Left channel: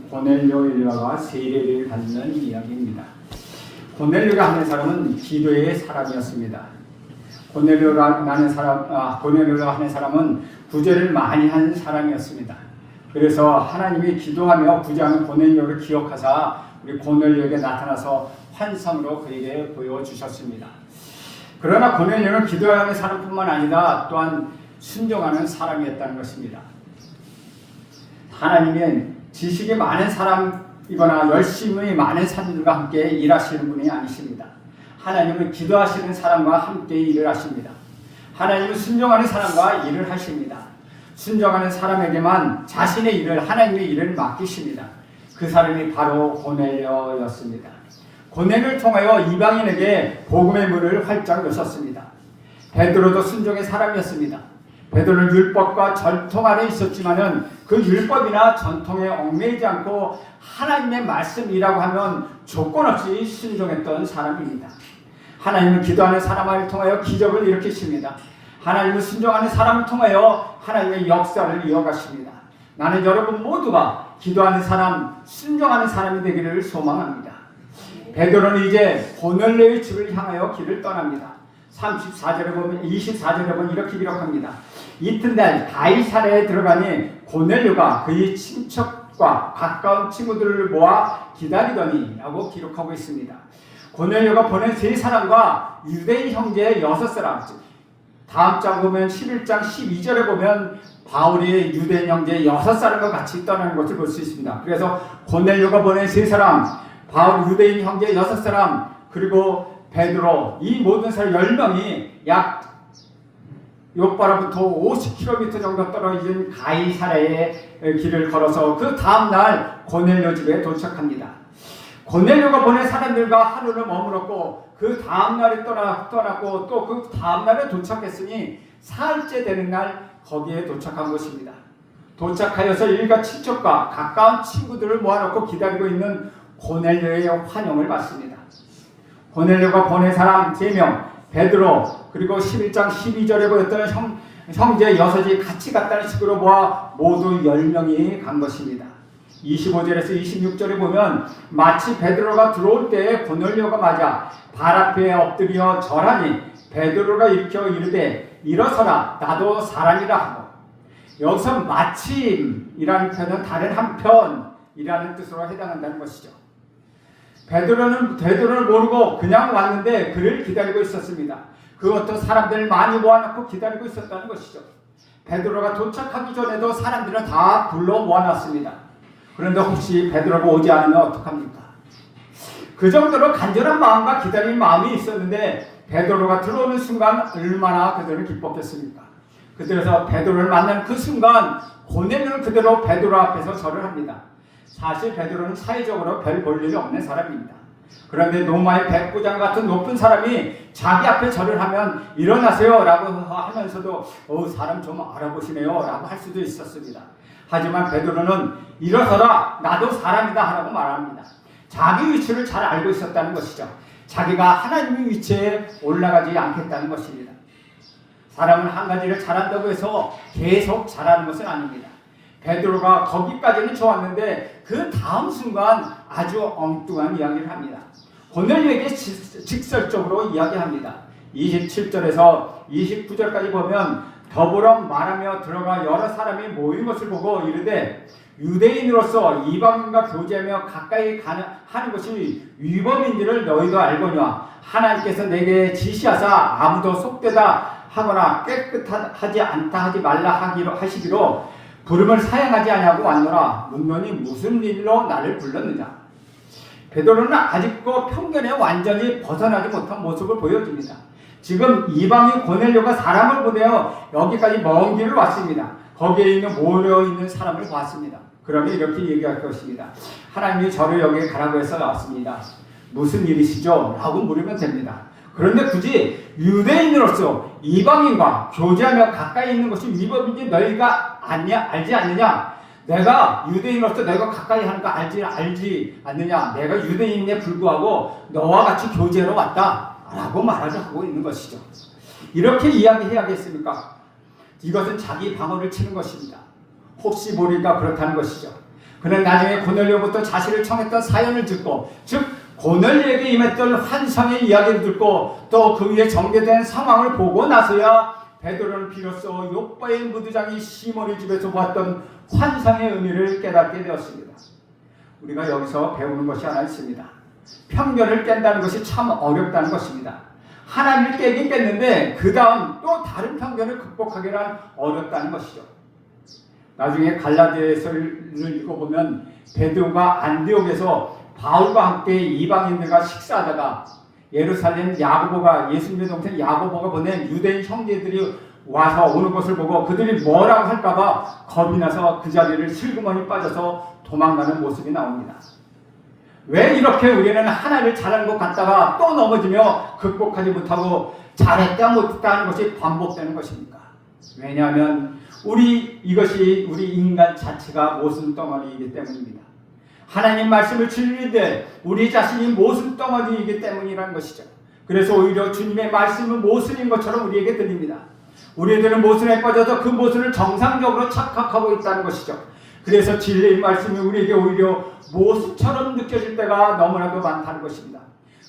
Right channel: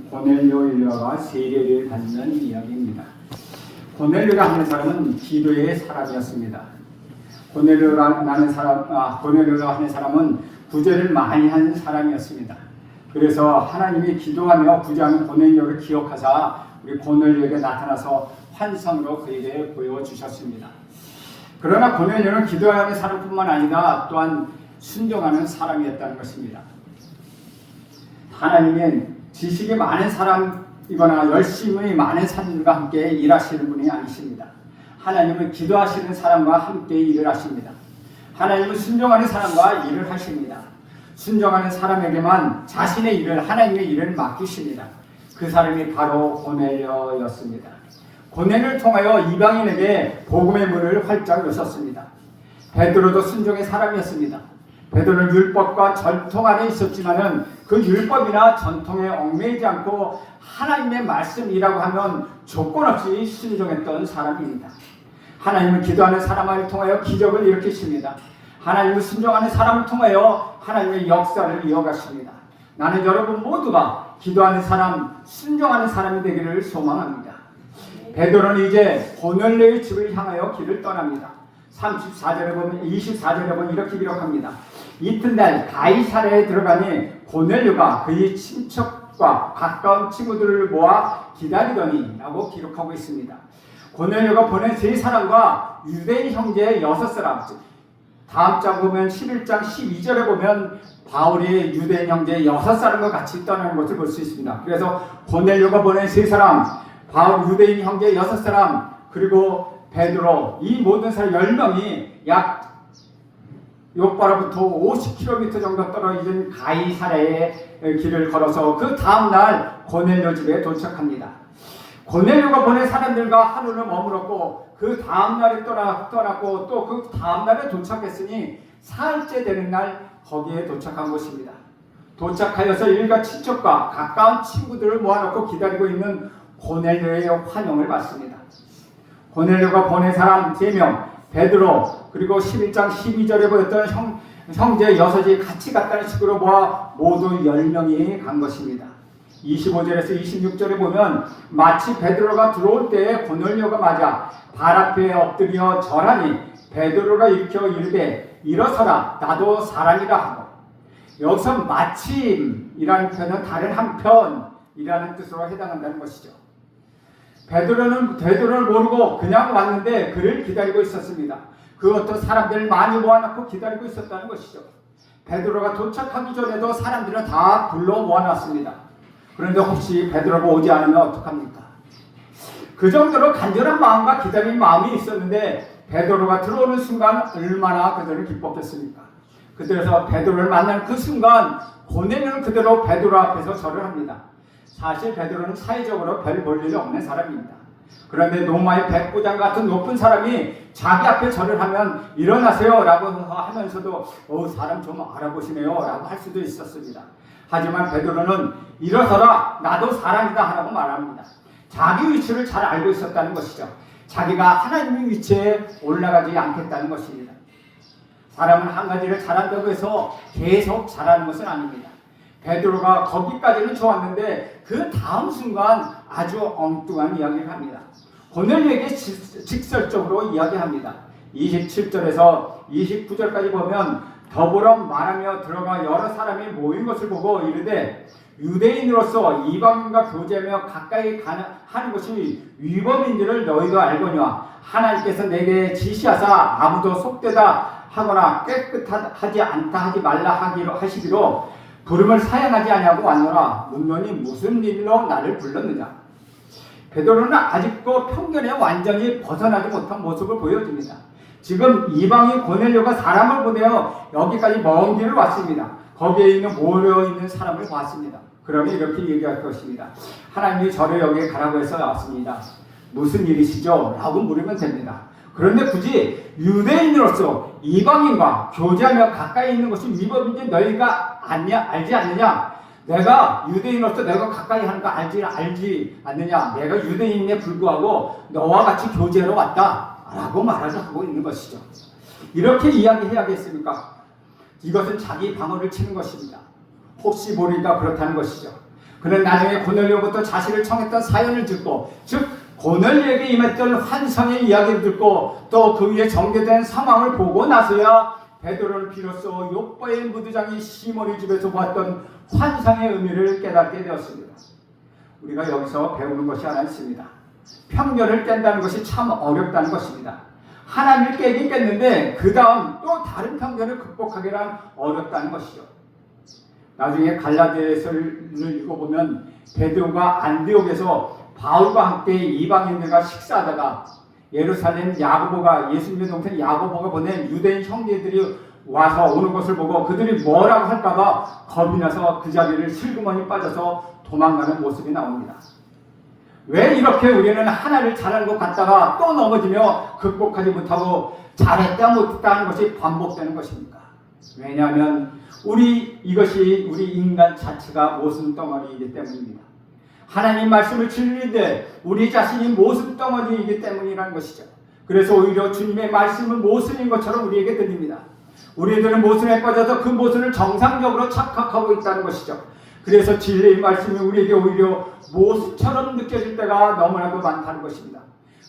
고넬료 일가가 세례를 받는 이야기입니다. 고넬료가 하는 사람은 기도의 사람이었습니다. 고넬료가 하는 사람은 구제를 많이 하는 사람이었습니다. 그래서 하나님이 기도하며 구제하는 고넬료를 기억하사 우리 고넬료에게 나타나서 환상으로 그에게 보여주셨습니다. 그러나 고넬료는 기도하는 사람뿐만 아니라 또한 순종하는 사람이었다는 것입니다. 하나님은 지식이 많은 사람이거나 열심히 많은 사람들과 함께 일하시는 분이 아니십니다. 하나님은 기도하시는 사람과 함께 일을 하십니다. 하나님은 순종하는 사람과 일을 하십니다. 순종하는 사람에게만 자신의 일을, 하나님의 일을 맡기십니다. 그 사람이 바로 고넬료였습니다. 고넬료를 통하여 이방인에게 복음의 문을 활짝 여셨습니다. 베드로도 순종의 사람이었습니다. 베드로는 율법과 전통 안에 있었지만은 그 율법이나 전통에 얽매이지 않고 하나님의 말씀이라고 하면 조건 없이 순종했던 사람입니다. 하나님은 기도하는 사람을 통하여 기적을 일으키십니다. 하나님은 순종하는 사람을 통하여 하나님의 역사를 이어가십니다. 나는 여러분 모두가 기도하는 사람, 순종하는 사람이 되기를 소망합니다. 베드로는 이제 고넬료의 집을 향하여 길을 떠납니다. 24절에 보면 이렇게 기록합니다. 이튿날 가이사랴에 들어가니 고넬료가 그의 친척과 가까운 친구들을 모아 기다리더니 라고 기록하고 있습니다. 고넬료가 보낸 세 사람과 유대인 형제 6사람, 다음 장 보면 11장 12절에 보면 바울이 유대인 형제 6사람과 같이 떠나는 것을 볼 수 있습니다. 그래서 고넬료가 보낸 세 사람, 바울 유대인 형제 6사람, 그리고 베드로, 이 모든 사람 10명이 약 요바로부터 50km 정도 떨어진 가이사랴의 길을 걸어서 그 다음날 고넬료 집에 도착합니다. 고넬료가 보낸 사람들과 하루를 머물었고 그 다음날에 떠났고 또 그 다음날에 도착했으니 사흘째 되는 날 거기에 도착한 것입니다. 도착하여서 일가 친척과 가까운 친구들을 모아놓고 기다리고 있는 고넬료의 환영을 받습니다. 고넬료가 보낸 사람 3명, 베드로, 그리고 11장 12절에 보였던 형제 6이 같이 갔다는 식으로 모아 모두 10명이 간 것입니다. 25절에서 26절에 보면 마치 베드로가 들어올 때에 고넬료가 맞아 발 앞에 엎드려 절하니 베드로가 일으켜 이르되 일어서라 나도 사람이라 하고, 여기서 마침이라는 표현은 다른 한편이라는 뜻으로 해당한다는 것이죠. 베드로를 모르고 그냥 왔는데 그를 기다리고 있었습니다. 그 어떤 사람들을 많이 모아놓고 기다리고 있었다는 것이죠. 베드로가 도착하기 전에도 사람들은 다 불러 모아놨습니다. 그런데 혹시 베드로가 오지 않으면 어떡합니까? 그 정도로 간절한 마음과 기다리는 마음이 있었는데 베드로가 들어오는 순간 얼마나 그들은 기뻤겠습니까? 그래서 베드로를 만나는 그 순간 고넬료는 그대로 베드로 앞에서 절을 합니다. 사실 베드로는 사회적으로 별 볼 일이 없는 사람입니다. 그런데 로마의 백부장 같은 높은 사람이 자기 앞에 절을 하면 일어나세요 라고 하면서도 사람 좀 알아보시네요 라고 할 수도 있었습니다. 하지만 베드로는 일어서라 나도 사람이다 하라고 말합니다. 자기 위치를 잘 알고 있었다는 것이죠. 자기가 하나님의 위치에 올라가지 않겠다는 것입니다. 사람은 한 가지를 잘한다고 해서 계속 잘하는 것은 아닙니다. 베드로가 거기까지는 좋았는데 그 다음 순간 아주 엉뚱한 이야기를 합니다. 고넬료에게 직설적으로 이야기합니다. 27절에서 29절까지 보면 더불어 말하며 들어가 여러 사람이 모인 것을 보고 이르되 유대인으로서 이방인과 교제하며 가까이 하는 것이 위법인지를 너희도 알거니와 하나님께서 내게 지시하사 아무도 속되다 하거나 깨끗하지 않다 하지 말라 하시기로 부름을 사양하지 아니하고 왔노라. 문론이 무슨 일로 나를 불렀느냐. 베드로는 아직도 편견에 완전히 벗어나지 못한 모습을 보여줍니다. 지금 이방인 고넬료가 사람을 보내어 여기까지 먼 길을 왔습니다. 거기에 있는 모여있는 사람을 봤습니다. 그러면 이렇게 얘기할 것입니다. 하나님이 저를 여기에 가라고 해서 왔습니다. 무슨 일이시죠? 라고 물으면 됩니다. 그런데 굳이 유대인으로서 이방인과 교제하며 가까이 있는 것이 위법인지 너희가 알지 않느냐? 내가 유대인으로서 내가 가까이 하는 거 알지 않느냐? 내가 유대인에 불구하고 너와 같이 교제로 왔다 라고 말하고 있는 것이죠. 이렇게 이야기해야겠습니까? 이것은 자기 방어를 치는 것입니다. 혹시 모르니까 그렇다는 것이죠. 그는 나중에 고넬료부터 자신을 청했던 사연을 듣고, 즉 고넬료에게 임했던 환상의 이야기를 듣고 또 그 위에 전개된 상황을 보고 나서야 베드로는 비로소 욥바의 무드장이 시몬의 집에서 보았던 환상의 의미를 깨닫게 되었습니다. 우리가 여기서 배우는 것이 하나 있습니다. 편견을 깬다는 것이 참 어렵다는 것입니다. 하나님을 깨긴 깼는데 그 다음 또 다른 편견을 극복하기는 어렵다는 것이죠. 나중에 갈라디아서를 읽어보면 베드로가 안디옥에서 바울과 함께 이방인들과 식사하다가 예루살렘 야고보가, 예수님의 동생 야고보가 보낸 유대인 형제들이 와서 오는 것을 보고 그들이 뭐라고 할까봐 겁이 나서 그 자리를 슬그머니 빠져서 도망가는 모습이 나옵니다. 왜 이렇게 우리는 하나를 잘하는 것 같다가 또 넘어지며 극복하지 못하고 잘했다 못했다 하는 것이 반복되는 것입니까? 왜냐하면 이것이 우리 인간 자체가 모순덩어리이기 때문입니다. 하나님 말씀을 진리인데 우리 자신이 모순덩어리이기 때문이라는 것이죠. 그래서 오히려 주님의 말씀은 모순인 것처럼 우리에게 들립니다. 우리들은 모순에 빠져서 그 모순을 정상적으로 착각하고 있다는 것이죠. 그래서 진리의 말씀이 우리에게 오히려 모순처럼 느껴질 때가 너무나도 많다는 것입니다.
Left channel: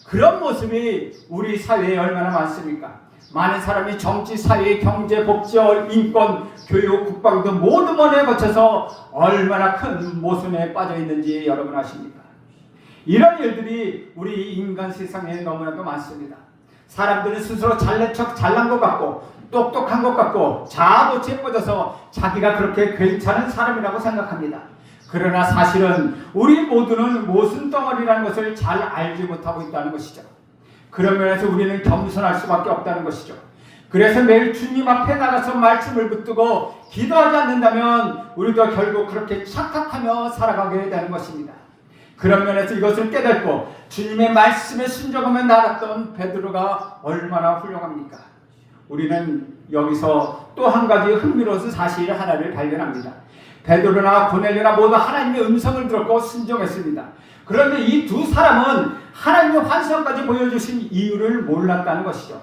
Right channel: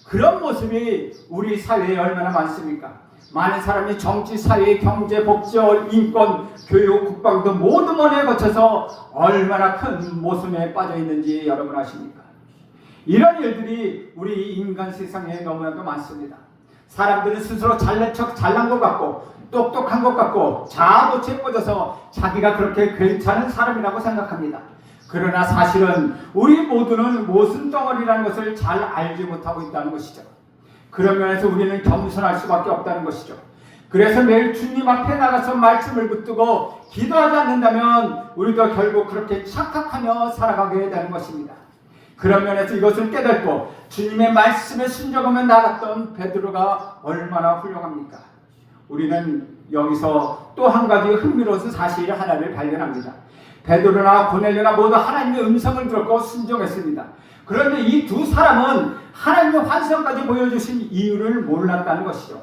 그런 모습이 우리 사회에 얼마나 많습니까? 많은 사람이 정치, 사회, 경제, 복지, 인권, 교육, 국방도 모든 면에 거쳐서 얼마나 큰 모순에 빠져 있는지 여러분 아십니까? 이런 일들이 우리 인간 세상에 너무나도 많습니다. 사람들은 스스로 잘난 척 잘난 것 같고 똑똑한 것 같고 자아도취에 빠져서 자기가 그렇게 괜찮은 사람이라고 생각합니다. 그러나 사실은 우리 모두는 모순덩어리라는 것을 잘 알지 못하고 있다는 것이죠. 그런 면에서 우리는 겸손할 수밖에 없다는 것이죠. 그래서 매일 주님 앞에 나가서 말씀을 붙들고 기도하지 않는다면 우리도 결국 그렇게 착각하며 살아가게 되는 것입니다. 그런 면에서 이것을 깨닫고 주님의 말씀에 순종하며 나갔던 베드로가 얼마나 훌륭합니까? 우리는 여기서 또 한 가지 흥미로운 사실 하나를 발견합니다. 베드로나 고넬료나 모두 하나님의 음성을 들었고 순종했습니다. 그런데 이 두 사람은 하나님의 환상까지 보여주신 이유를 몰랐다는 것이죠.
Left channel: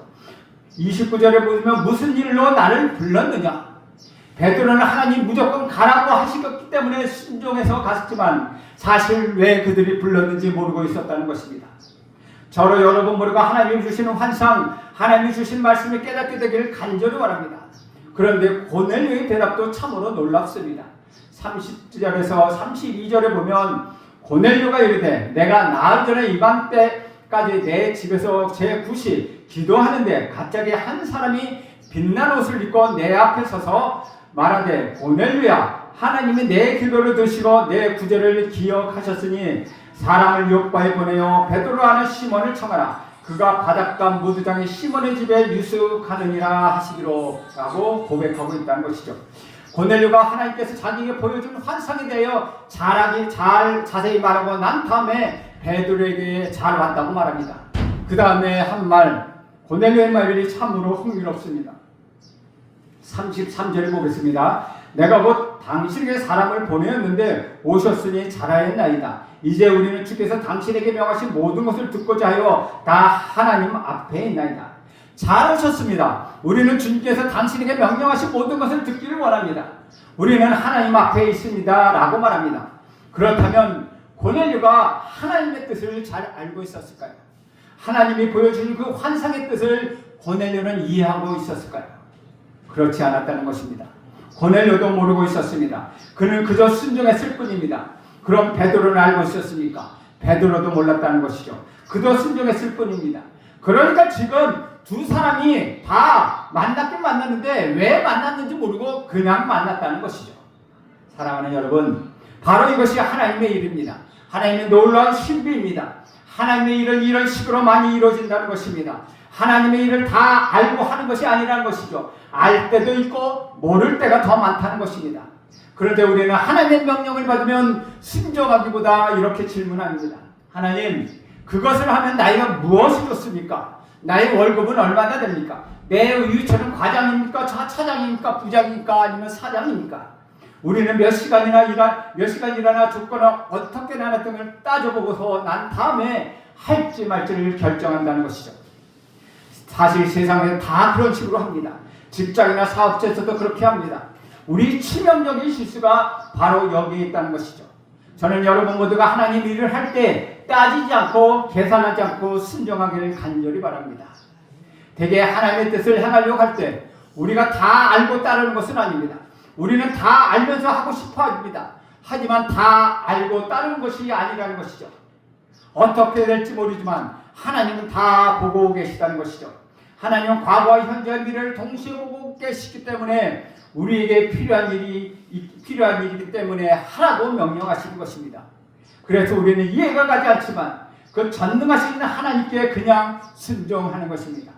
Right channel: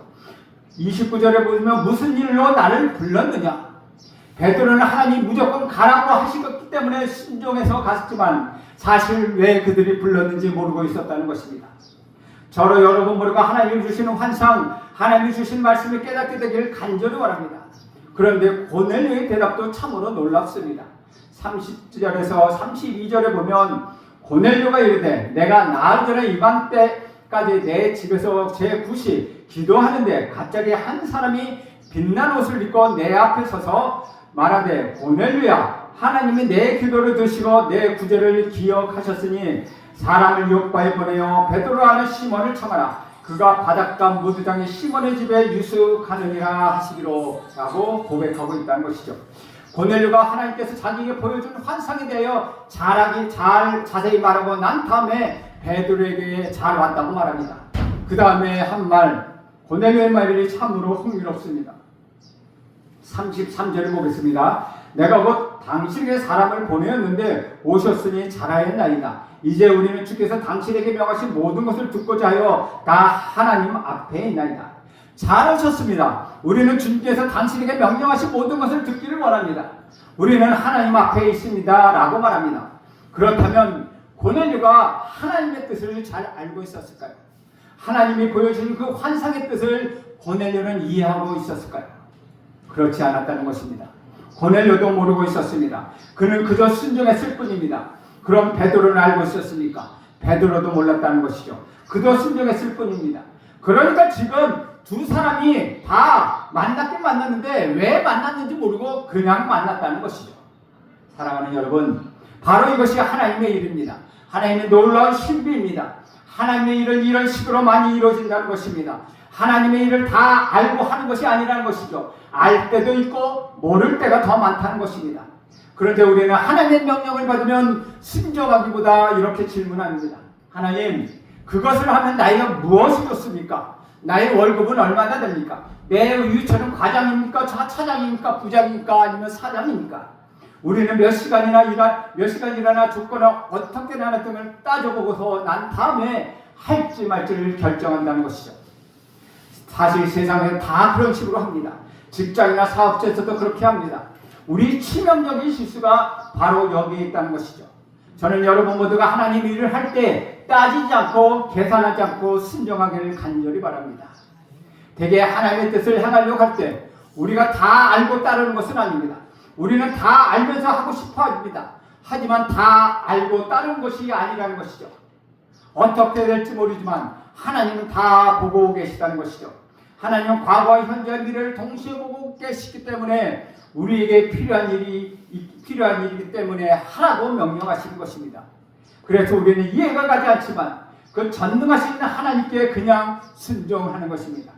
29절에 보면 무슨 일로 나를 불렀느냐? 베드로는 하나님 무조건 가라고 하시기 때문에 순종해서 갔지만 사실 왜 그들이 불렀는지 모르고 있었다는 것입니다. 저로 여러분 모두가 하나님이 주시는 환상, 하나님이 주신 말씀을 깨닫게 되기를 간절히 원합니다. 그런데 고넬료의 대답도 참으로 놀랍습니다. 30절에서 32절에 보면 고넬료가 이르되 내가 나흘 전에 이맘때까지 내 집에서 제9시 기도하는데 갑자기 한 사람이 빛난 옷을 입고 내 앞에 서서 말하되 고넬료야 하나님이 내 기도를 드시고 내 구제를 기억하셨으니 사람을 욥바에 보내어 베드로 하는 시몬을 청하라. 그가 바닷가 무드장의 시몬의 집에 유숙하느니라 하시기로 라고 고백하고 있다는 것이죠. 고넬료가 하나님께서 자기에게 보여준 환상에 대하여 자세히 말하고 난 다음에 베드로에게 잘 왔다고 말합니다. 그 다음에 한 말, 고넬료의 말이 참으로 흥미롭습니다. 33절을 보겠습니다. 내가 곧 당신에게 사람을 보내었는데 오셨으니 잘하였나이다. 이제 우리는 주께서 당신에게 명하신 모든 것을 듣고자 하여 다 하나님 앞에 있나이다. 잘하셨습니다. 우리는 주님께서 당신에게 명령하신 모든 것을 듣기를 원합니다. 우리는 하나님 앞에 있습니다 라고 말합니다. 그렇다면 고넬료가 하나님의 뜻을 잘 알고 있었을까요? 하나님이 보여주신 그 환상의 뜻을 고넬료는 이해하고 있었을까요? 그렇지 않았다는 것입니다. 고넬료도 모르고 있었습니다. 그는 그저 순종했을 뿐입니다. 그럼 베드로는 알고 있었습니까? 베드로도 몰랐다는 것이죠. 그도 순종했을 뿐입니다. 그러니까 지금 두 사람이 다 만났긴 만났는데 왜 만났는지 모르고 그냥 만났다는 것이죠. 사랑하는 여러분, 바로 이것이 하나님의 일입니다. 하나님의 놀라운 신비입니다. 하나님의 일은 이런 식으로 많이 이루어진다는 것입니다. 하나님의 일을 다 알고 하는 것이 아니라는 것이죠. 알 때도 있고 모를 때가 더 많다는 것입니다. 그런데 우리는 하나님의 명령을 받으면 순종하기보다 이렇게 질문합니다. 하나님, 그것을 하면 나이가 무엇이 좋습니까? 나의 월급은 얼마나 됩니까? 내 유치원은 과장입니까? 차장입니까? 부장입니까? 아니면 사장입니까? 우리는 몇 시간 일하나 죽거나 어떻게 나나 등을 따져보고서 난 다음에 할지 말지를 결정한다는 것이죠. 사실 세상에 다 그런 식으로 합니다. 직장이나 사업체에서도 그렇게 합니다. 우리 치명적인 실수가 바로 여기에 있다는 것이죠. 저는 여러분 모두가 하나님 일을 할 때 따지지 않고 계산하지 않고 순종하기를 간절히 바랍니다. 대개 하나님의 뜻을 행하려고 할 때 우리가 다 알고 따르는 것은 아닙니다. 우리는 다 알면서 하고 싶어 합니다. 하지만 다 알고 따르는 것이 아니라는 것이죠. 어떻게 될지 모르지만 하나님은 다 보고 계시다는 것이죠. 하나님은 과거와 현재와 미래를 동시에 보고 계시기 때문에 우리에게 필요한 일이기 때문에 하라고 명령하시는 것입니다. 그래서 우리는 이해가 가지 않지만 그 전능하신 하나님께 그냥 순종하는 것입니다.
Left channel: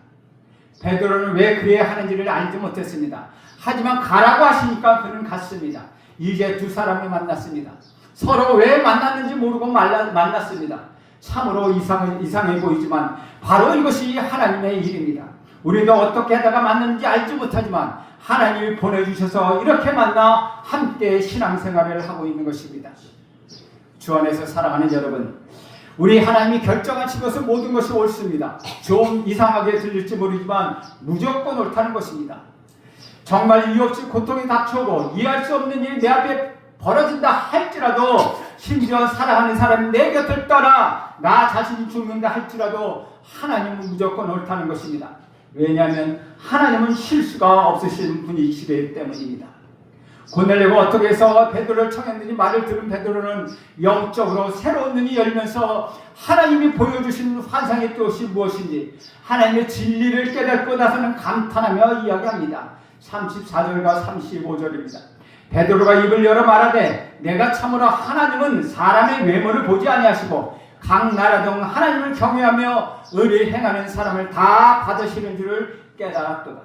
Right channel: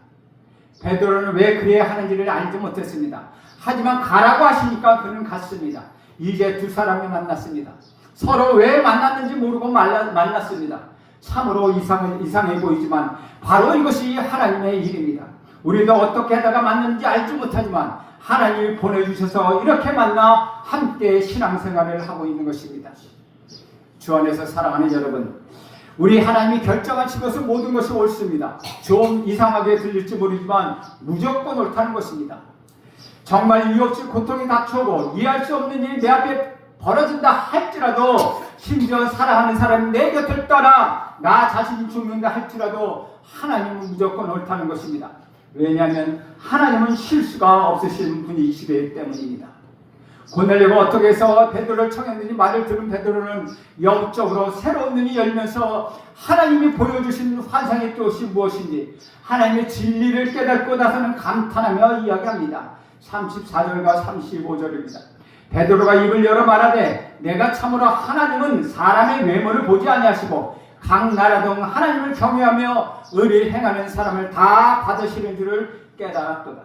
베드로는 왜 그래야 하는지를 알지 못했습니다. 하지만 가라고 하시니까 그는 갔습니다. 이제 두 사람을 만났습니다. 서로 왜 만났는지 모르고 만났습니다. 참으로 이상해 보이지만 바로 이것이 하나님의 일입니다. 우리도 어떻게 하다가 만났는지 알지 못하지만 하나님이 보내주셔서 이렇게 만나 함께 신앙생활을 하고 있는 것입니다. 주 안에서 사랑하는 여러분, 우리 하나님이 결정하신 것은 모든 것이 옳습니다. 좀 이상하게 들릴지 모르지만 무조건 옳다는 것입니다. 정말 이유 없이 고통이 닥쳐오고 이해할 수 없는 일이 내 앞에 벌어진다 할지라도, 심지어 사랑하는 사람이 내 곁을 떠나 나 자신이 죽는다 할지라도 하나님은 무조건 옳다는 것입니다. 왜냐하면 하나님은 실수가 없으신 분이시기 때문입니다. 고넬료가 어떻게 해서 베드로를 청했는지 말을 들은 베드로는 영적으로 새로운 눈이 열면서 하나님이 보여주신 환상의 뜻이 무엇인지 하나님의 진리를 깨닫고 나서는 감탄하며 이야기합니다. 34절과 35절입니다. 베드로가 입을 열어 말하되 내가 참으로 하나님은 사람의 외모를 보지 아니하시고 각 나라 중 하나님을 경외하며 의를 행하는 사람을 다 받으시는 줄을 깨달았도다.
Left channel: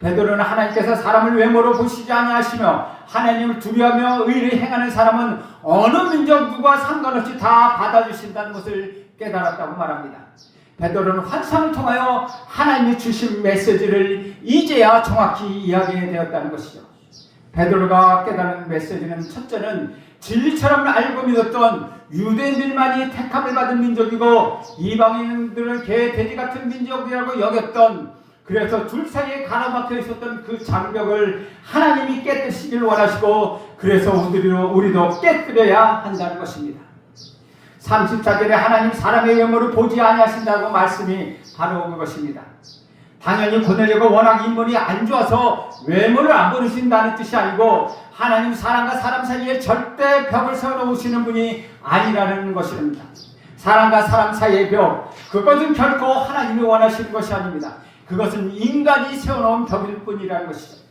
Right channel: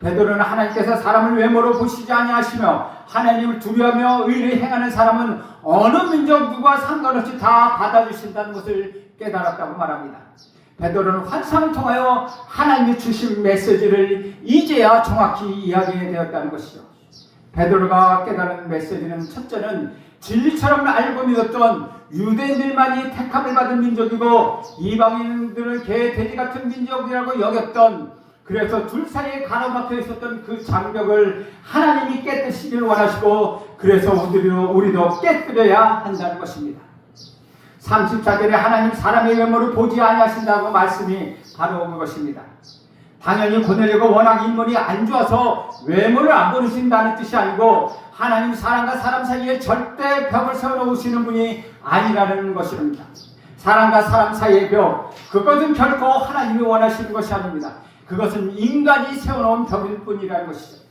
베드로는 하나님께서 사람을 외모로 보시지 아니하시며 하나님을 두려워하며 의를 행하는 사람은 어느 민족 누구와 상관없이 다 받아주신다는 것을 깨달았다고 말합니다. 베드로는 환상을 통하여 하나님이 주신 메시지를 이제야 정확히 이야기해 되었다는 것이죠. 베드로가 깨달은 메시지는 첫째는 진리처럼 알고 믿었던 유대인들만이 택함을 받은 민족이고 이방인들은 개, 돼지 같은 민족이라고 여겼던, 그래서 둘 사이에 가로막혀 있었던 그 장벽을 하나님이 깨뜨리기를 원하시고 그래서 우리도 깨뜨려야 한다는 것입니다. 34절에 하나님 사람의 외모를 보지 아니하신다고 말씀이 바로 그것입니다. 당연히 고넬료가 워낙 인물이 안 좋아서 외모를 안 보신다는 뜻이 아니고 하나님 사람과 사람 사이에 절대 벽을 세워놓으시는 분이 아니라는 것입니다. 사람과 사람 사이의 벽, 그것은 결코 하나님이 원하시는 것이 아닙니다. 그것은 인간이 세워놓은 벽일 뿐이라는 것이죠.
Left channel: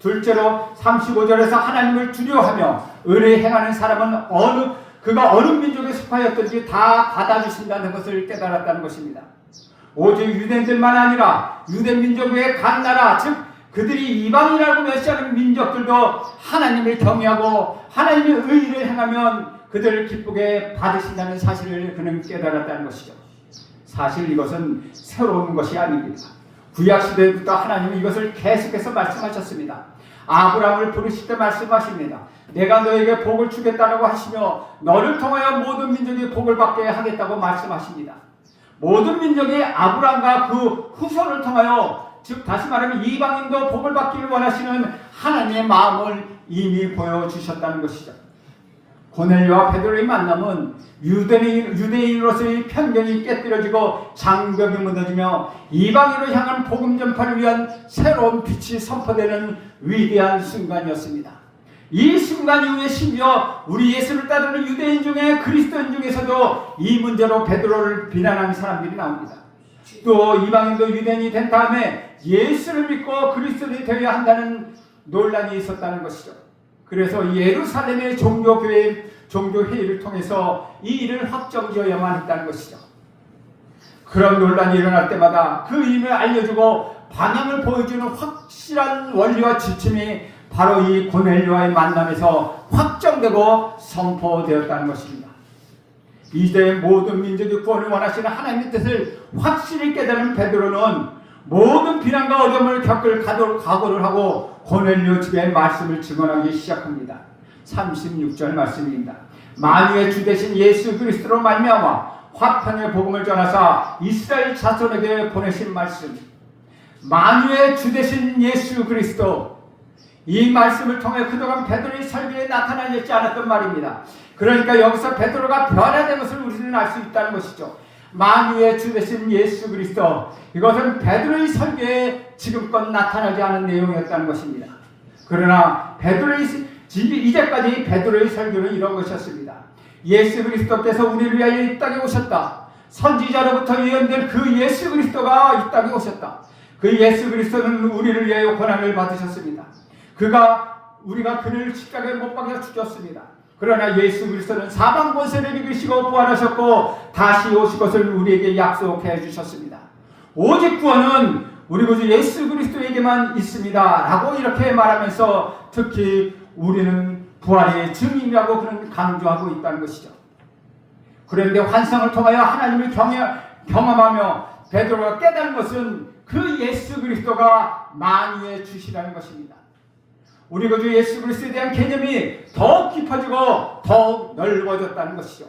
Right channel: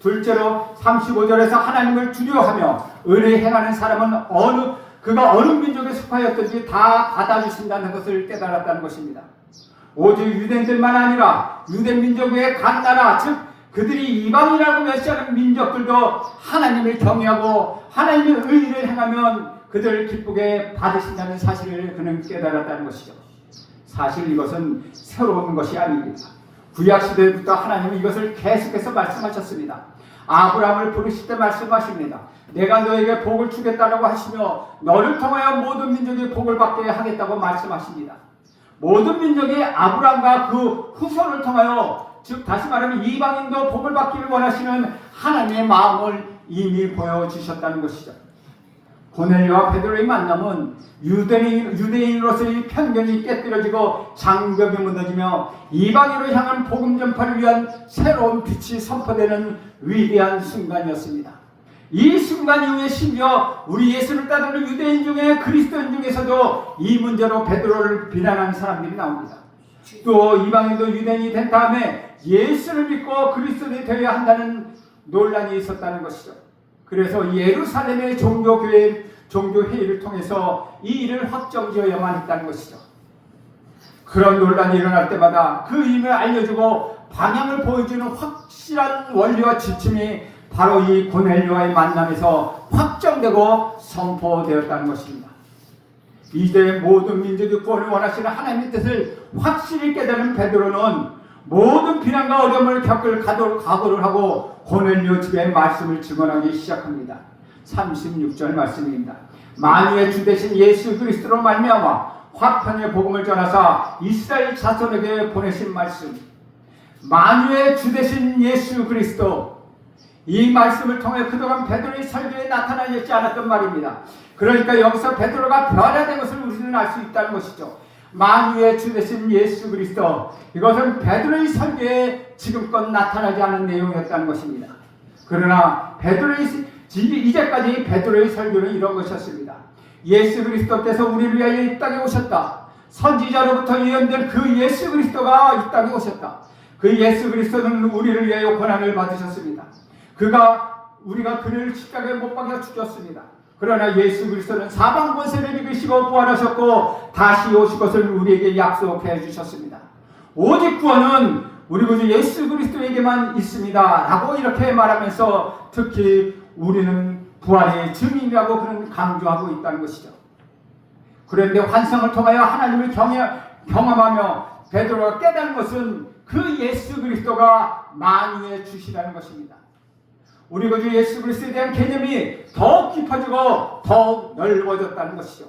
둘째로 35절에서 하나님을 두려워하며 의를 행하는 사람은 그가 어느 민족에 속하였든지 다 받아주신다는 것을 깨달았다는 것입니다. 오직 유대인들만 아니라 유대 민족 외의 각 나라, 즉 그들이 이방이라고 멸시하는 민족들도 하나님을 경외하고 하나님의 의를 행하면 그들을 기쁘게 받으신다는 사실을 그는 깨달았다는 것이죠. 사실 이것은 새로운 것이 아닙니다. 구약시대부터 하나님은 이것을 계속해서 말씀하셨습니다. 아브라함을 부르실 때 말씀하십니다. 내가 너에게 복을 주겠다라고 하시며 너를 통하여 모든 민족이 복을 받게 하겠다고 말씀하십니다. 모든 민족이 아브라함과 그 후손을 통하여, 즉 다시 말하면 이방인도 복을 받기를 원하시는 하나님의 마음을 이미 보여주셨다는 것이죠. 고넬료와 베드로의 만남은 유대인으로서의 편견이 깨뜨려지고 장벽이 무너지며 이방인으로 향한 복음 전파를 위한 새로운 빛이 선포되는 위대한 순간이었습니다. 이 순간 이후에 심지어 우리 예수를 따르는 유대인 중에 그리스도인 중에서도 이 문제로 베드로를 비난하는 사람들이 나옵니다. 또 이방인도 유대인이 된 다음에 예수를 믿고 그리스도인이 되어야 한다는 논란이 있었다는 것이죠. 그래서 예루살렘의 종교회의를 통해서 이 일을 확정지어야만 했다는 것이죠. 그런 논란이 일어날 때마다 그 의미를 알려주고 방향을 보여주는 확실한 원리와 지침이 바로 이 고넬료와의 만남에서 확정되고 선포되었다는 것입니다. 이제 모든 민족의 구원을 원하시는 하나님의 뜻을 확실히 깨달은 베드로는 모든 비난과 어려움을 겪을 각오를 하고 고넬료 측의 말씀을 증언하기 시작합니다. 36절 말씀입니다. 만유의 주 되신 예수 그리스도로 말미암아 화평의 복음을 전하사 이스라엘 자손에게 보내신 말씀, 만유의 주 되신 예수 그리스도, 이 말씀을 통해 그동안 베드로의 설교에 나타나지 않았던 말입니다. 그러니까 여기서 베드로가 변화된 것을 우리는 알 수 있다는 것이죠. 만유의 주 되신 예수 그리스도, 이것은 베드로의 설교에 지금껏 나타나지 않은 내용이었다는 것입니다. 그러나 이제까지 베드로의 설교는 이런 것이었습니다. 예수 그리스도께서 우리를 위하여 이 땅에 오셨다. 선지자로부터 예언된 그 예수 그리스도가 이 땅에 오셨다. 그 예수 그리스도는 우리를 위하여 고난을 받으셨습니다. 우리가 그를 십자가에 못 박혀 죽였습니다. 그러나 예수 그리스도는 사방 권세를 이기시고 부활하셨고 다시 오실 것을 우리에게 약속해 주셨습니다. 오직 구원은 우리 구주 예수 그리스도에게만 있습니다 라고 이렇게 말하면서 특히 우리는 부활의 증인이라고 그런 강조하고 있다는 것이죠. 그런데 환상을 통하여 하나님을 경험하며 베드로가 깨달은 것은 그 예수 그리스도가 만유의 주시라는 것입니다. 우리 구주 예수 그리스도에 대한 개념이 더욱 깊어지고 더욱 넓어졌다는 것이죠.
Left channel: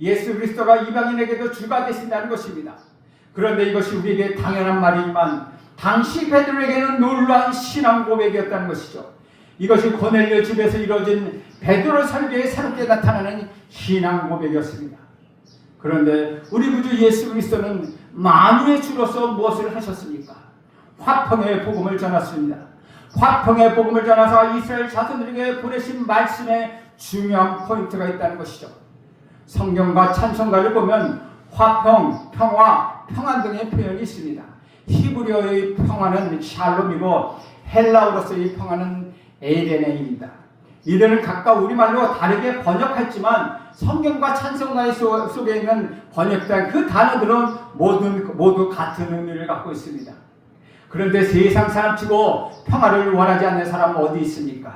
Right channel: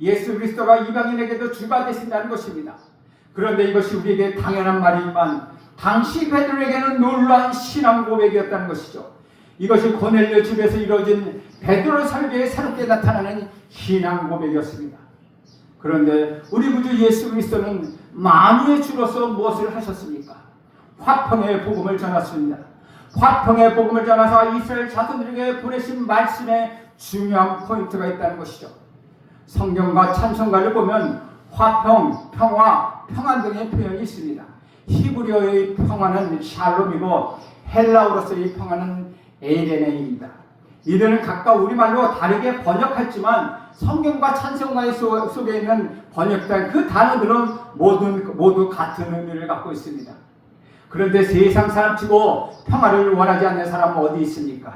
예수 그리스도가 이방인에게도 주가 되신다는 것입니다. 그런데 이것이 우리에게 당연한 말이지만 당시 베드로에게는 놀라운 신앙 고백이었다는 것이죠. 이것이 고넬료 집에서 이루어진 베드로 설교에 새롭게 나타나는 신앙 고백이었습니다. 그런데 우리 구주 예수 그리스도는 만유의 주로서 무엇을 하셨습니까? 화평의 복음을 전했습니다. 화평의 복음을 전해서 이스라엘 자손들에게 보내신 말씀에 중요한 포인트가 있다는 것이죠. 성경과 찬송가를 보면 화평, 평화, 평안 등의 표현이 있습니다. 히브리어의 평화는 샬롬이고 헬라어로서의 평화는 에이레네입니다. 이들은 각각 우리말로 다르게 번역했지만 성경과 찬송가 속에 있는 번역된 그 단어들은 모두 같은 의미를 갖고 있습니다. 그런데 세상 사람치고 평화를 원하지 않는 사람은 어디 있습니까?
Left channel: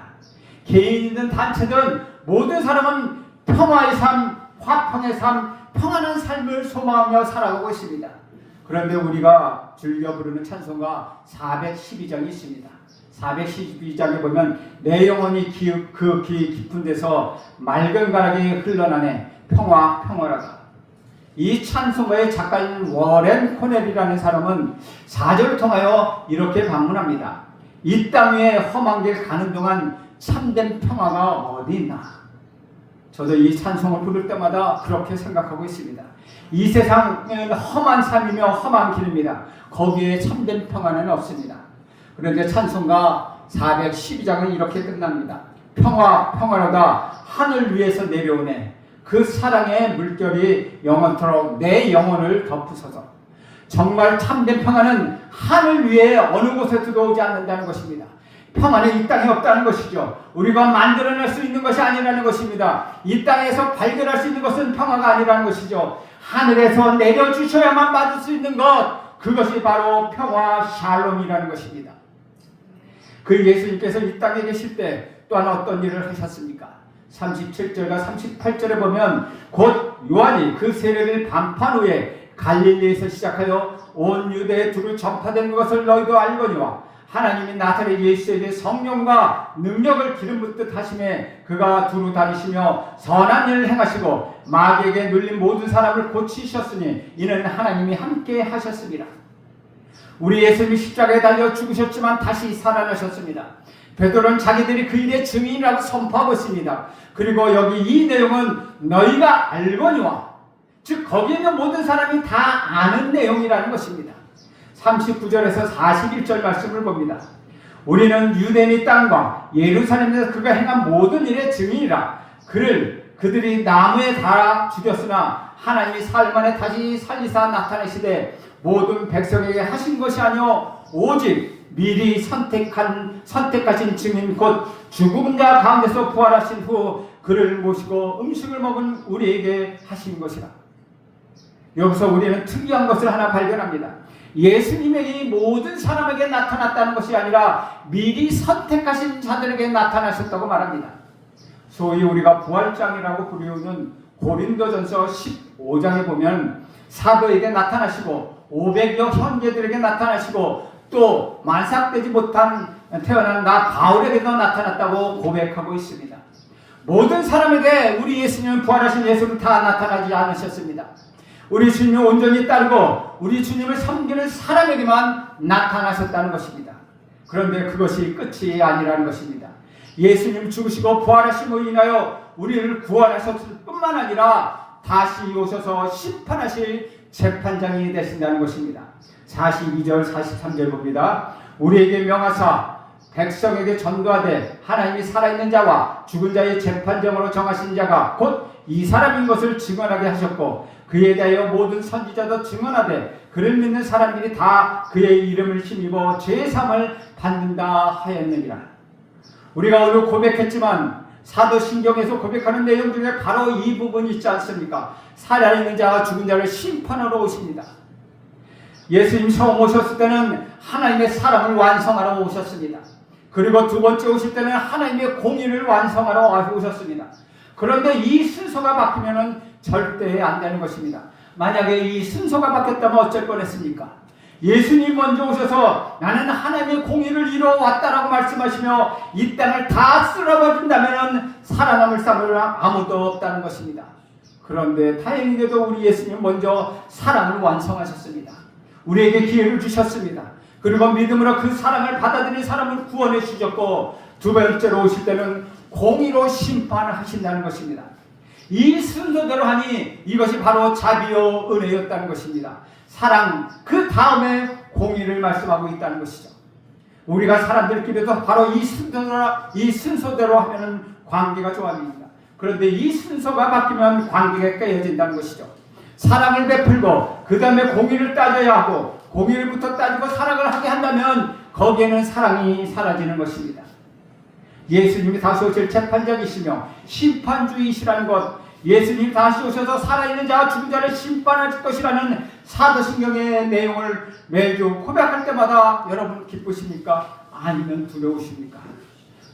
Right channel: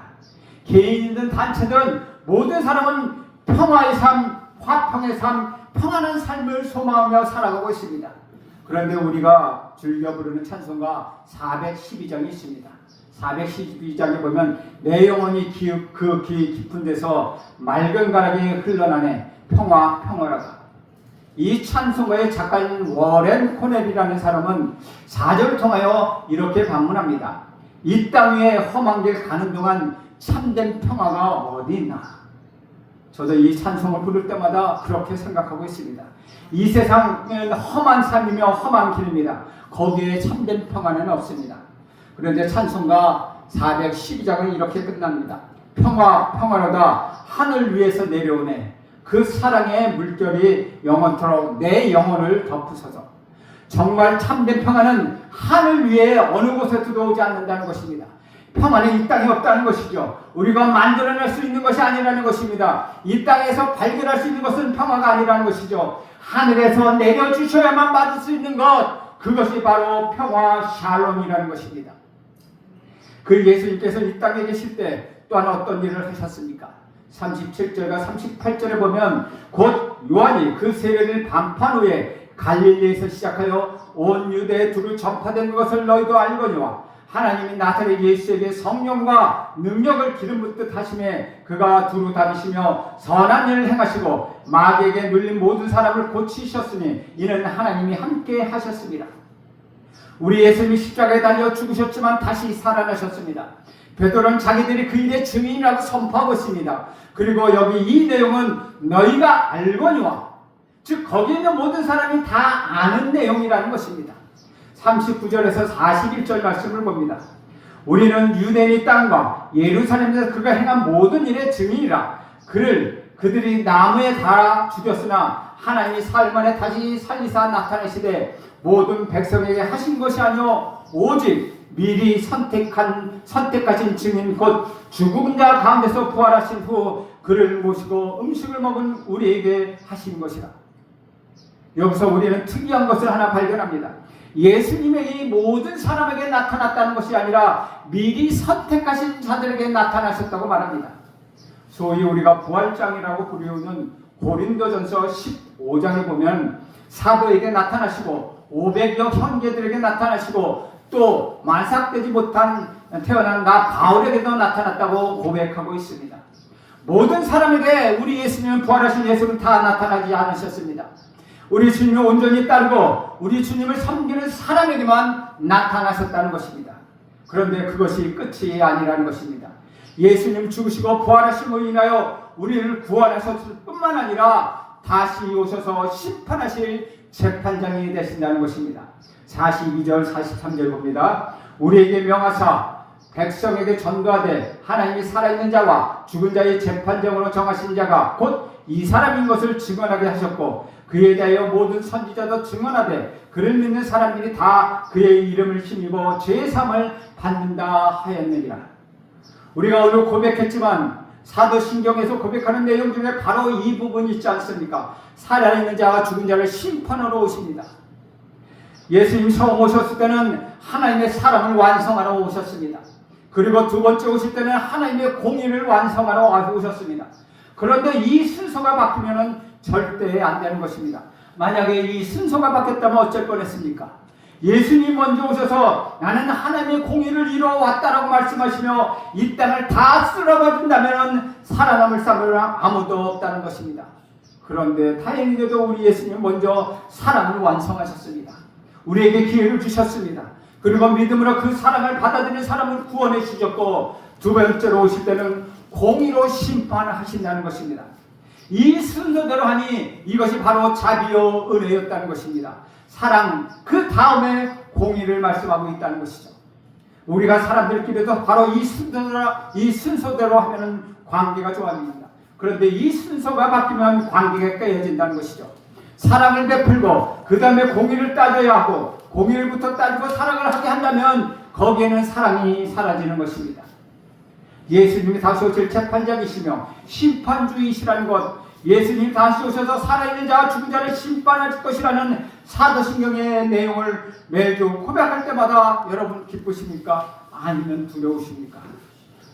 개인이든 단체든 모든 사람은 평화의 삶, 화평의 삶, 평안한 삶을 소망하며 살아가고 있습니다. 그런데 우리가 즐겨 부르는 찬송가 412장이 있습니다. 412장에 보면 내 영혼이 그 깊은 데서 맑은 가락이 흘러나네 평화라다. 이 찬송가의 작가인 워렌 코넬이라는 사람은 4절을 통하여 이렇게 반문합니다. 이 땅 위에 험한 길 가는 동안 참된 평화가 어디 있나? 저도 이 찬송을 부를 때마다 그렇게 생각하고 있습니다. 이 세상은 험한 삶이며 험한 길입니다. 거기에 참된 평화는 없습니다. 그런데 찬송가 412장은 이렇게 끝납니다. 평화로다 하늘 위에서 내려오네. 그 사랑의 물결이 영원토록 내 영혼을 덮으소서. 정말 참된 평화는 하늘 위에 어느 곳에서도 오지 않는다는 것입니다. 평화는 이 땅에 없다는 것이죠. 우리가 만들어낼 수 있는 것이 아니라는 것입니다. 이 땅에서 발견할 수 있는 것은 평화가 아니라는 것이죠. 하늘에서 내려주셔야만 받을 수 있는 것, 그것이 바로 평화 샬롬이라는 것입니다. 그 예수님께서 이 땅에 계실 때 또한 어떤 일을 하셨습니까? 37절과 38절에 보면 곧 요한이 그 세례를 반판 후에 갈릴리에서 시작하여 온 유대에 두루 전파된 것을 너희도 알거니와 하나님이 나사렛 예수에게 성령과 능력을 기름 붓듯 하심에 그가 두루 다니시며 선한 일을 행하시고 마귀에게 눌린 모든 사람을 고치셨으니 이는 하나님이 함께 하셨습니다. 우리 예수님이 십자가에 달려 죽으셨지만 다시 살아나셨습니다. 베드로는 자기들이 그 일의 증인이라고 선포하고 있습니다. 그리고 여기 이 내용은 너희가 알거니와, 즉 거기에 있는 모든 사람이 다 아는 내용이라는 것입니다. 39절에서 41절 말씀을 봅니다. 우리는 유대인의 땅과 예루살렘에서 그가 행한 모든 일의 증인이라. 그들이 나무에 달아 죽였으나 하나님이 사흘 만에 다시 살리사 나타내시되 모든 백성에게 하신 것이 아니요 오직 미리 선택하신 증인 곧 죽은 자 가운데서 부활하신 후 그를 모시고 음식을 먹은 우리에게 하신 것이라. 여기서 우리는 특이한 것을 하나 발견합니다. 예수님이 모든 사람에게 나타났다는 것이 아니라 미리 선택하신 자들에게 나타나셨다고 말합니다. 소위 우리가 부활장이라고 부르는 고린도전서 15장에 보면 사도에게 나타나시고 500여 형제들에게 나타나시고 또 만삭되지 못한 태어난 나 바울에게도 나타났다고 고백하고 있습니다. 모든 사람에게 우리 예수님은 부활하신 예수는 다 나타나지 않으셨습니다. 우리 주님을 온전히 따르고 우리 주님을 섬기는 사람에게만 나타나셨다는 것입니다. 그런데 그것이 끝이 아니라는 것입니다. 예수님 죽으시고 부활하심으로 인하여 우리를 구원하셨을 뿐만 아니라 다시 오셔서 심판하실 재판장이 되신다는 것입니다. 42절 43절 봅니다. 우리에게 명하사 백성에게 전도하되 하나님이 살아있는 자와 죽은 자의 재판장으로 정하신 자가 곧 이 사람인 것을 증언하게 하셨고 그에 대하여 모든 선지자도 증언하되 그를 믿는 사람들이 다 그의 이름을 힘입어 죄사함을 받는다 하였느니라. 우리가 오늘 고백했지만 사도신경에서 고백하는 내용 중에 바로 이 부분이 있지 않습니까? 살아있는 자와 죽은 자를 심판하러 오십니다. 예수님 처음 오셨을 때는 하나님의 사랑을 완성하러 오셨습니다. 그리고 두 번째 오실 때는 하나님의 공의를 완성하러 오셨습니다. 그런데 이 순서가 바뀌면 절대 안 되는 것입니다. 만약에 이 순서가 바뀌었다면 어쩔 뻔했습니까? 예수님 먼저 오셔서 나는 하나님의 공의를 이루어왔다라고 말씀하시며 이 땅을 다 쓸어버린다면 살아남을 사람은 아무도 없다는 것입니다. 그런데 다행히도 우리 예수님 먼저 사랑을 완성하셨습니다. 우리에게 기회를 주셨습니다. 그리고 믿음으로 그 사랑을 받아들이는 사람을 구원해 주셨고 두 번째로 오실 때는 공의로 심판을 하신다는 것입니다. 이 순서대로 하니 이것이 바로 자비요 은혜였다는 것입니다. 사랑 그 다음에 공의를 말씀하고 있다는 것이죠. 우리가 사람들끼리도 바로 이 순서대로 하면은 관계가 좋아집니다. 그런데 이 순서가 바뀌면 관계가 깨어진다는 것이죠. 사랑을 베풀고 그 다음에 공의를 따져야 하고 공의를부터 따지고 사랑을 하게 한다면 거기에는 사랑이 사라지는 것입니다. 예수님이 다시 오실 재판장이시며 심판주이시라는 것, 예수님이 다시 오셔서 살아있는 자와 죽은 자를 심판할 것이라는 사도신경의 내용을 매주 고백할 때마다 여러분 기쁘십니까? 아니면 두려우십니까?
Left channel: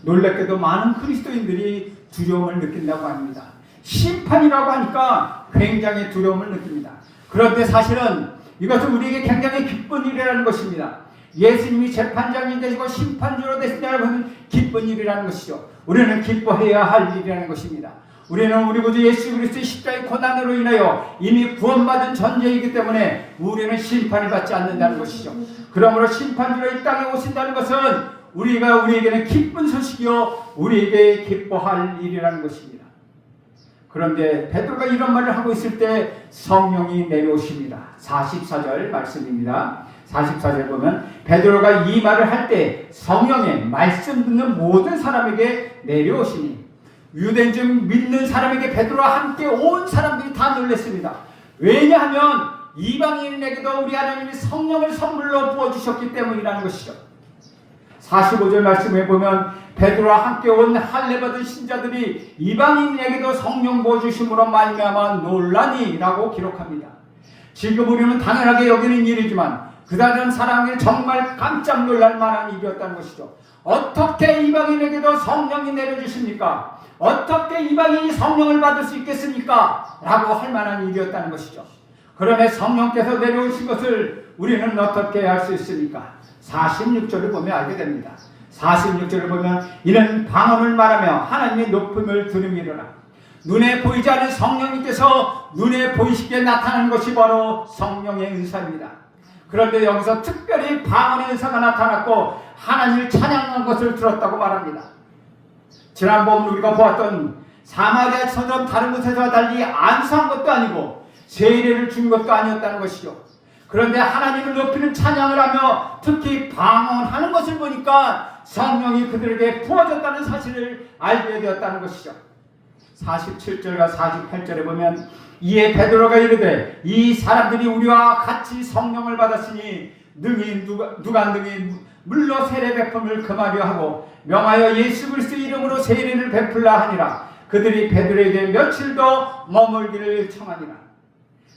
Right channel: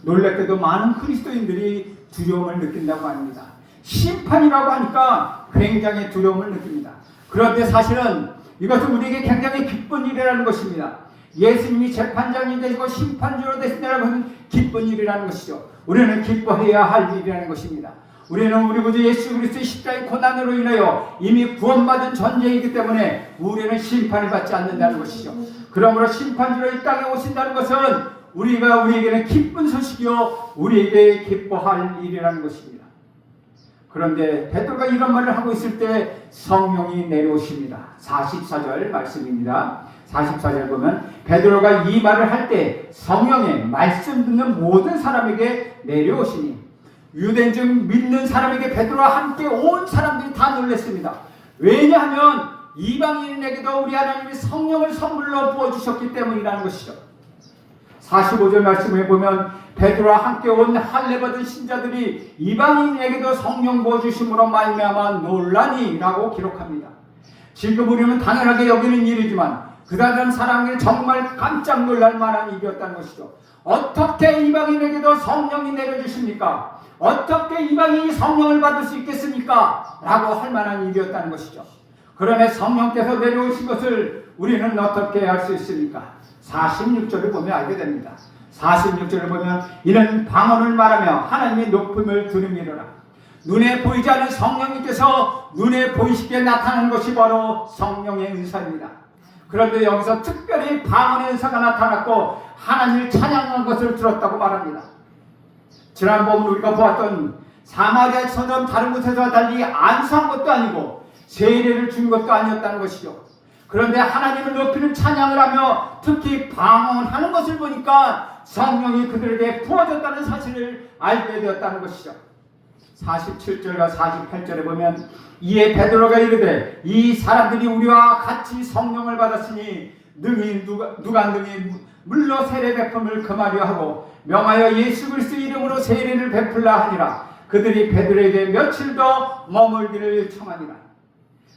놀랍게도 많은 그리스도인들이 두려움을 느낀다고 합니다. 심판이라고 하니까 굉장히 두려움을 느낍니다. 그런데 사실은 이것은 우리에게 굉장히 기쁜 일이라는 것입니다. 예수님이 재판장이 되시고 심판주로 되신다는 것은 기쁜 일이라는 것이죠. 우리는 기뻐해야 할 일이라는 것입니다. 우리는 우리 구주 예수 그리스도의 십자가의 고난으로 인하여 이미 구원받은 존재이기 때문에 우리는 심판을 받지 않는다는 것이죠. 그러므로 심판주로 이 땅에 오신다는 것은 우리에게는 기쁜 소식이요 우리에게 기뻐할 일이라는 것입니다. 그런데 베드로가 이런 말을 하고 있을 때 성령이 내려오십니다. 44절 말씀입니다. 44절 보면 베드로가 이 말을 할 때 성령의 말씀 듣는 모든 사람에게 내려오시니 유대인 중 믿는 사람에게 베드로와 함께 온 사람들이 다 놀랐습니다. 왜냐하면 이방인에게도 우리 하나님이 성령을 선물로 부어주셨기 때문이라는 것이죠. 45절 말씀에 보면 베드로와 함께 온 할례받은 신자들이 이방인에게도 성령 부어주심으로 말미암아 놀라니 라고 기록합니다. 지금 우리는 당연하게 여기는 일이지만 그 다른 사람에게 정말 깜짝 놀랄 만한 일이었다는 것이죠. 어떻게 이방인에게도 성령이 내려주십니까? 어떻게 이방인이 성령을 받을 수 있겠습니까? 라고 할 만한 일이었다는 것이죠. 그러면 성령께서 내려오신 것을 우리는 어떻게 알 수 있습니까? 46절을 보면 알게 됩니다. 46절을 보면 이는 방언을 말하며 하나님의 높음을 들음이로라. 눈에 보이지 않는 성령님께서 눈에 보이시게 나타나는 것이 바로 성령의 은사입니다. 그런데 여기서 특별히 방언의 은사가 나타났고 하나님을 찬양한 것을 들었다고 말합니다. 지난번 우리가 보았던 사마리아처럼 다른 곳에서 달리 안수한 것도 아니고 세례를 준 것도 아니었다는 것이죠. 그런데 하나님을 높이는 찬양을 하며 특히 방언하는 것을 보니까 성령이 그들에게 부어졌다는 사실을 알게 되었다는 것이죠. 47절과 48절에 보면 이에 베드로가 이르되 이 사람들이 우리와 같이 성령을 받았으니 누가 능히 물로 세례 베품을 금하려 하고 명하여 예수 그리스도 이름으로 세례를 베풀라 하니라. 그들이 베드로에게 며칠 더 머물기를 청하니라.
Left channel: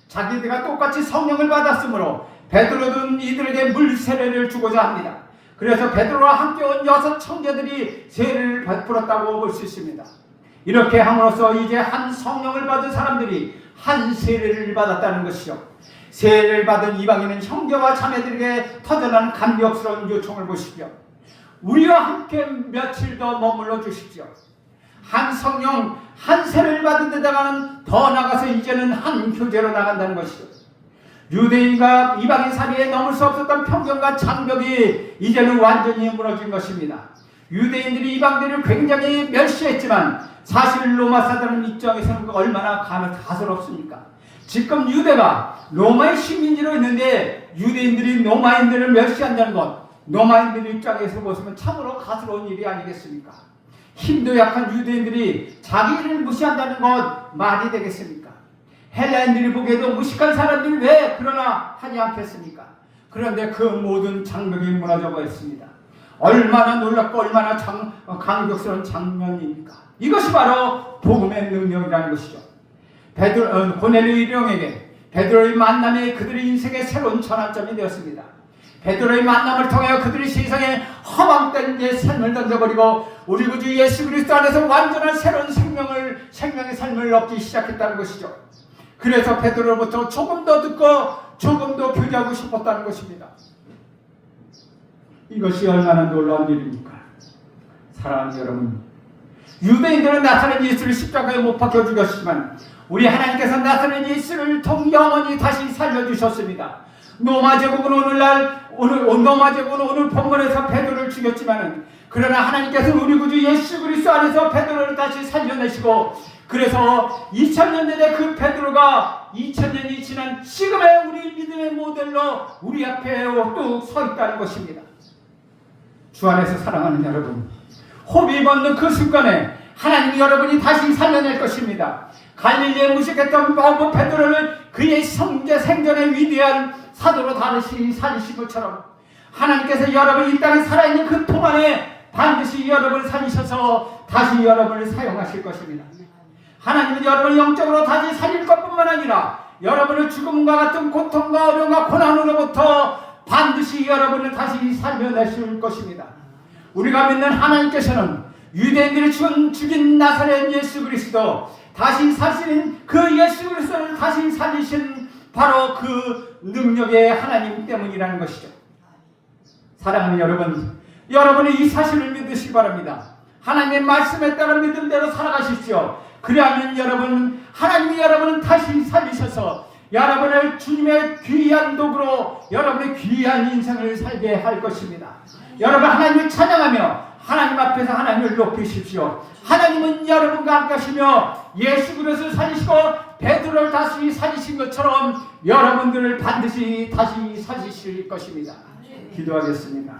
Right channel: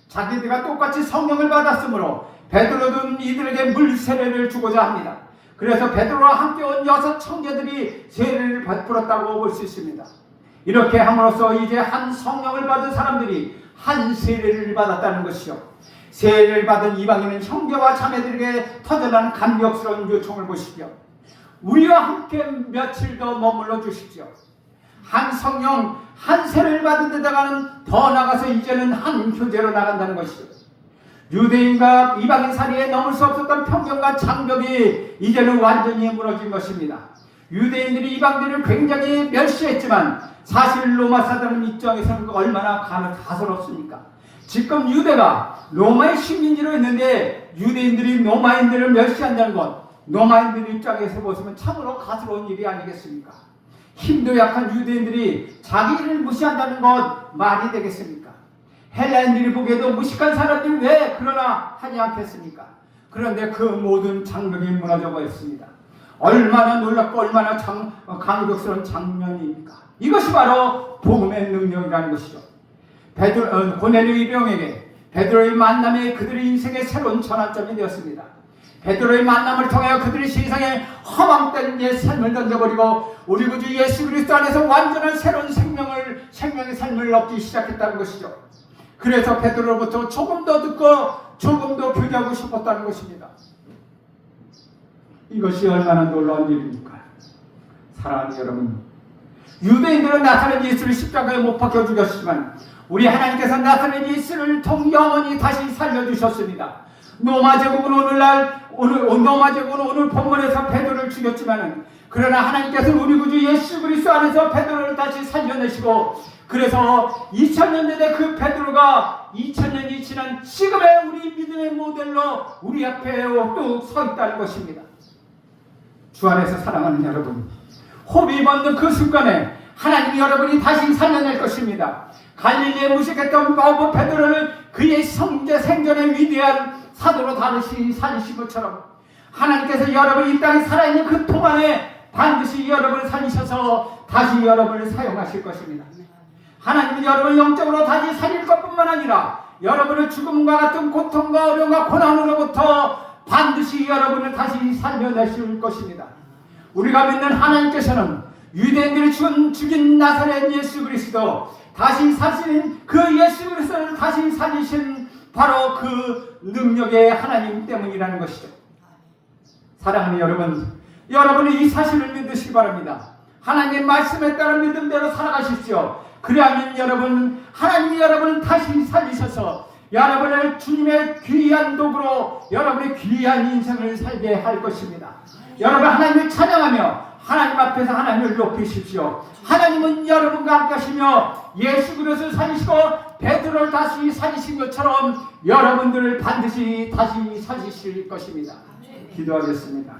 자기들과 똑같이 성령을 받았으므로 베드로는 이들에게 물 세례를 주고자 합니다. 그래서 베드로와 함께 온 6 형제들이 세례를 베풀었다고 볼 수 있습니다. 이렇게 함으로써 이제 한 성령을 받은 사람들이 한 세례를 받았다는 것이죠. 세례를 받은 이방인은 형제와 자매들에게 터져난 감격스러운 요청을 보십시오. 우리와 함께 며칠 더 머물러 주십시오. 한 성령, 한 세례를 받은 데다가는 더 나가서 이제는 한 교제로 나간다는 것이죠. 유대인과 이방인 사이에 넘을 수 없었던 편견과 장벽이 이제는 완전히 무너진 것입니다. 유대인들이 이방인들을 굉장히 멸시했지만 사실 로마 사람들 입장에서는 얼마나 가스럽습니까? 지금 유대가 로마의 식민지로 있는데 유대인들이 로마인들을 멸시한다는 것, 로마인들 입장에서 보시면 참으로 가스러운 일이 아니겠습니까? 힘도 약한 유대인들이 자기를 무시한다는 것 말이 되겠습니까? 헬라인들이 보기에도 무식한 사람들이 왜 그러나 하지 않겠습니까? 그런데 그 모든 장벽이 무너져 버렸습니다. 얼마나 놀랍고 얼마나 감격스러운 장면입니까? 이것이 바로 복음의 능력이라는 것이죠. 고넬료 일병에게 베드로의 만남이 그들의 인생의 새로운 전환점이 되었습니다. 베드로의 만남을 통하여 그들이 세상에 허망된 옛 삶을 던져버리고 우리 구주 예수 그리스도 안에서 완전한 새로운 생명의 삶을 얻기 시작했다는 것이죠. 그래서 베드로로부터 조금 더 듣고 조금 더 교제하고 싶었다는 것입니다. 이것이 얼마나 놀라운 일입니까? 사랑하는 여러분, 유대인들은 나사렛 예수를 십자가에 못 박혀 죽였지만 우리 하나님께서 나사렛 예수를 영원히 다시 살려주셨습니다. 로마 제국은 오늘 본문에서 베드로를 죽였지만 그러나 하나님께서는 우리 구주 예수 그리스도 안에서 베드로를 다시 살려내시고 그래서 2000년 전에 그 베드로가 2000년이 지난 지금의 우리 믿음의 모델로 우리 앞에 뚝 서 있다는 것입니다. 주 안에서 사랑하는 여러분, 호흡이 멎는 그 순간에 하나님이 여러분이 다시 살려낼 것입니다. 갈릴리에 무식했던 베드로를 그의 생전의 위대한 사도로 다시 살리신 것처럼 하나님께서 여러분 이 땅에 살아있는 그 동안에 반드시 여러분을 살리셔서 다시 여러분을 사용하실 것입니다. 하나님은 여러분을 영적으로 다시 살릴 것뿐만 아니라 여러분의 죽음과 같은 고통과 어려움과 고난으로부터 반드시 여러분을 다시 살려내실 것입니다. 우리가 믿는 하나님께서는 유대인들이 죽인 나사렛 예수 그리스도 다시 사시는 그 예수 그리스도를 다시 살리신 바로 그 능력의 하나님 때문이라는 것이죠. 사랑하는 여러분, 여러분이 이 사실을 믿으시기 바랍니다. 하나님의 말씀에 따라 믿음대로 살아가십시오. 그래야만 여러분, 하나님이 여러분을 다시 살리셔서 여러분을 주님의 귀한 도구로 여러분의 귀한 인생을 살게 할 것입니다. 여러분 하나님을 찬양하며 하나님 앞에서 하나님을 높이십시오. 하나님은 여러분과 함께 하시며 예수 그리스도를 살리시고 베드로를 다시 살리신 것처럼 여러분들을 반드시 다시 살리실 것입니다. 기도하겠습니다.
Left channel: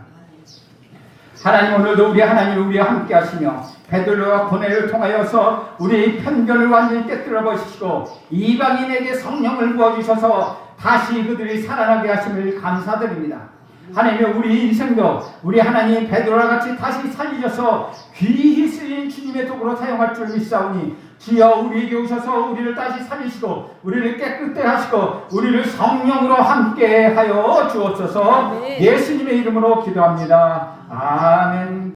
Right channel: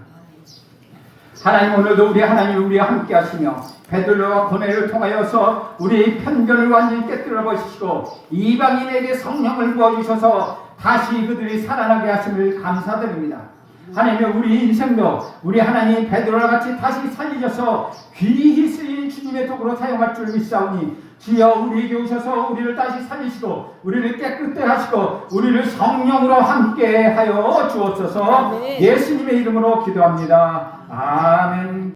하나님, 오늘도 우리 하나님 우리와 함께 하시며 베드로와 고넬료를 통하여서 우리의 편견을 완전히 깨뜨려 버리시고 이방인에게 성령을 부어주셔서 다시 그들이 살아나게 하심을 감사드립니다. 하나님, 우리 인생도 우리 하나님 베드로와 같이 다시 살리셔서 귀히 쓰인 주님의 도구로 사용할 줄 믿사오니 주여 우리에게 오셔서 우리를 다시 살리시고 우리를 깨끗게 하시고 우리를 성령으로 함께 하여 주옵소서. 예수님의 이름으로 기도합니다. 아멘.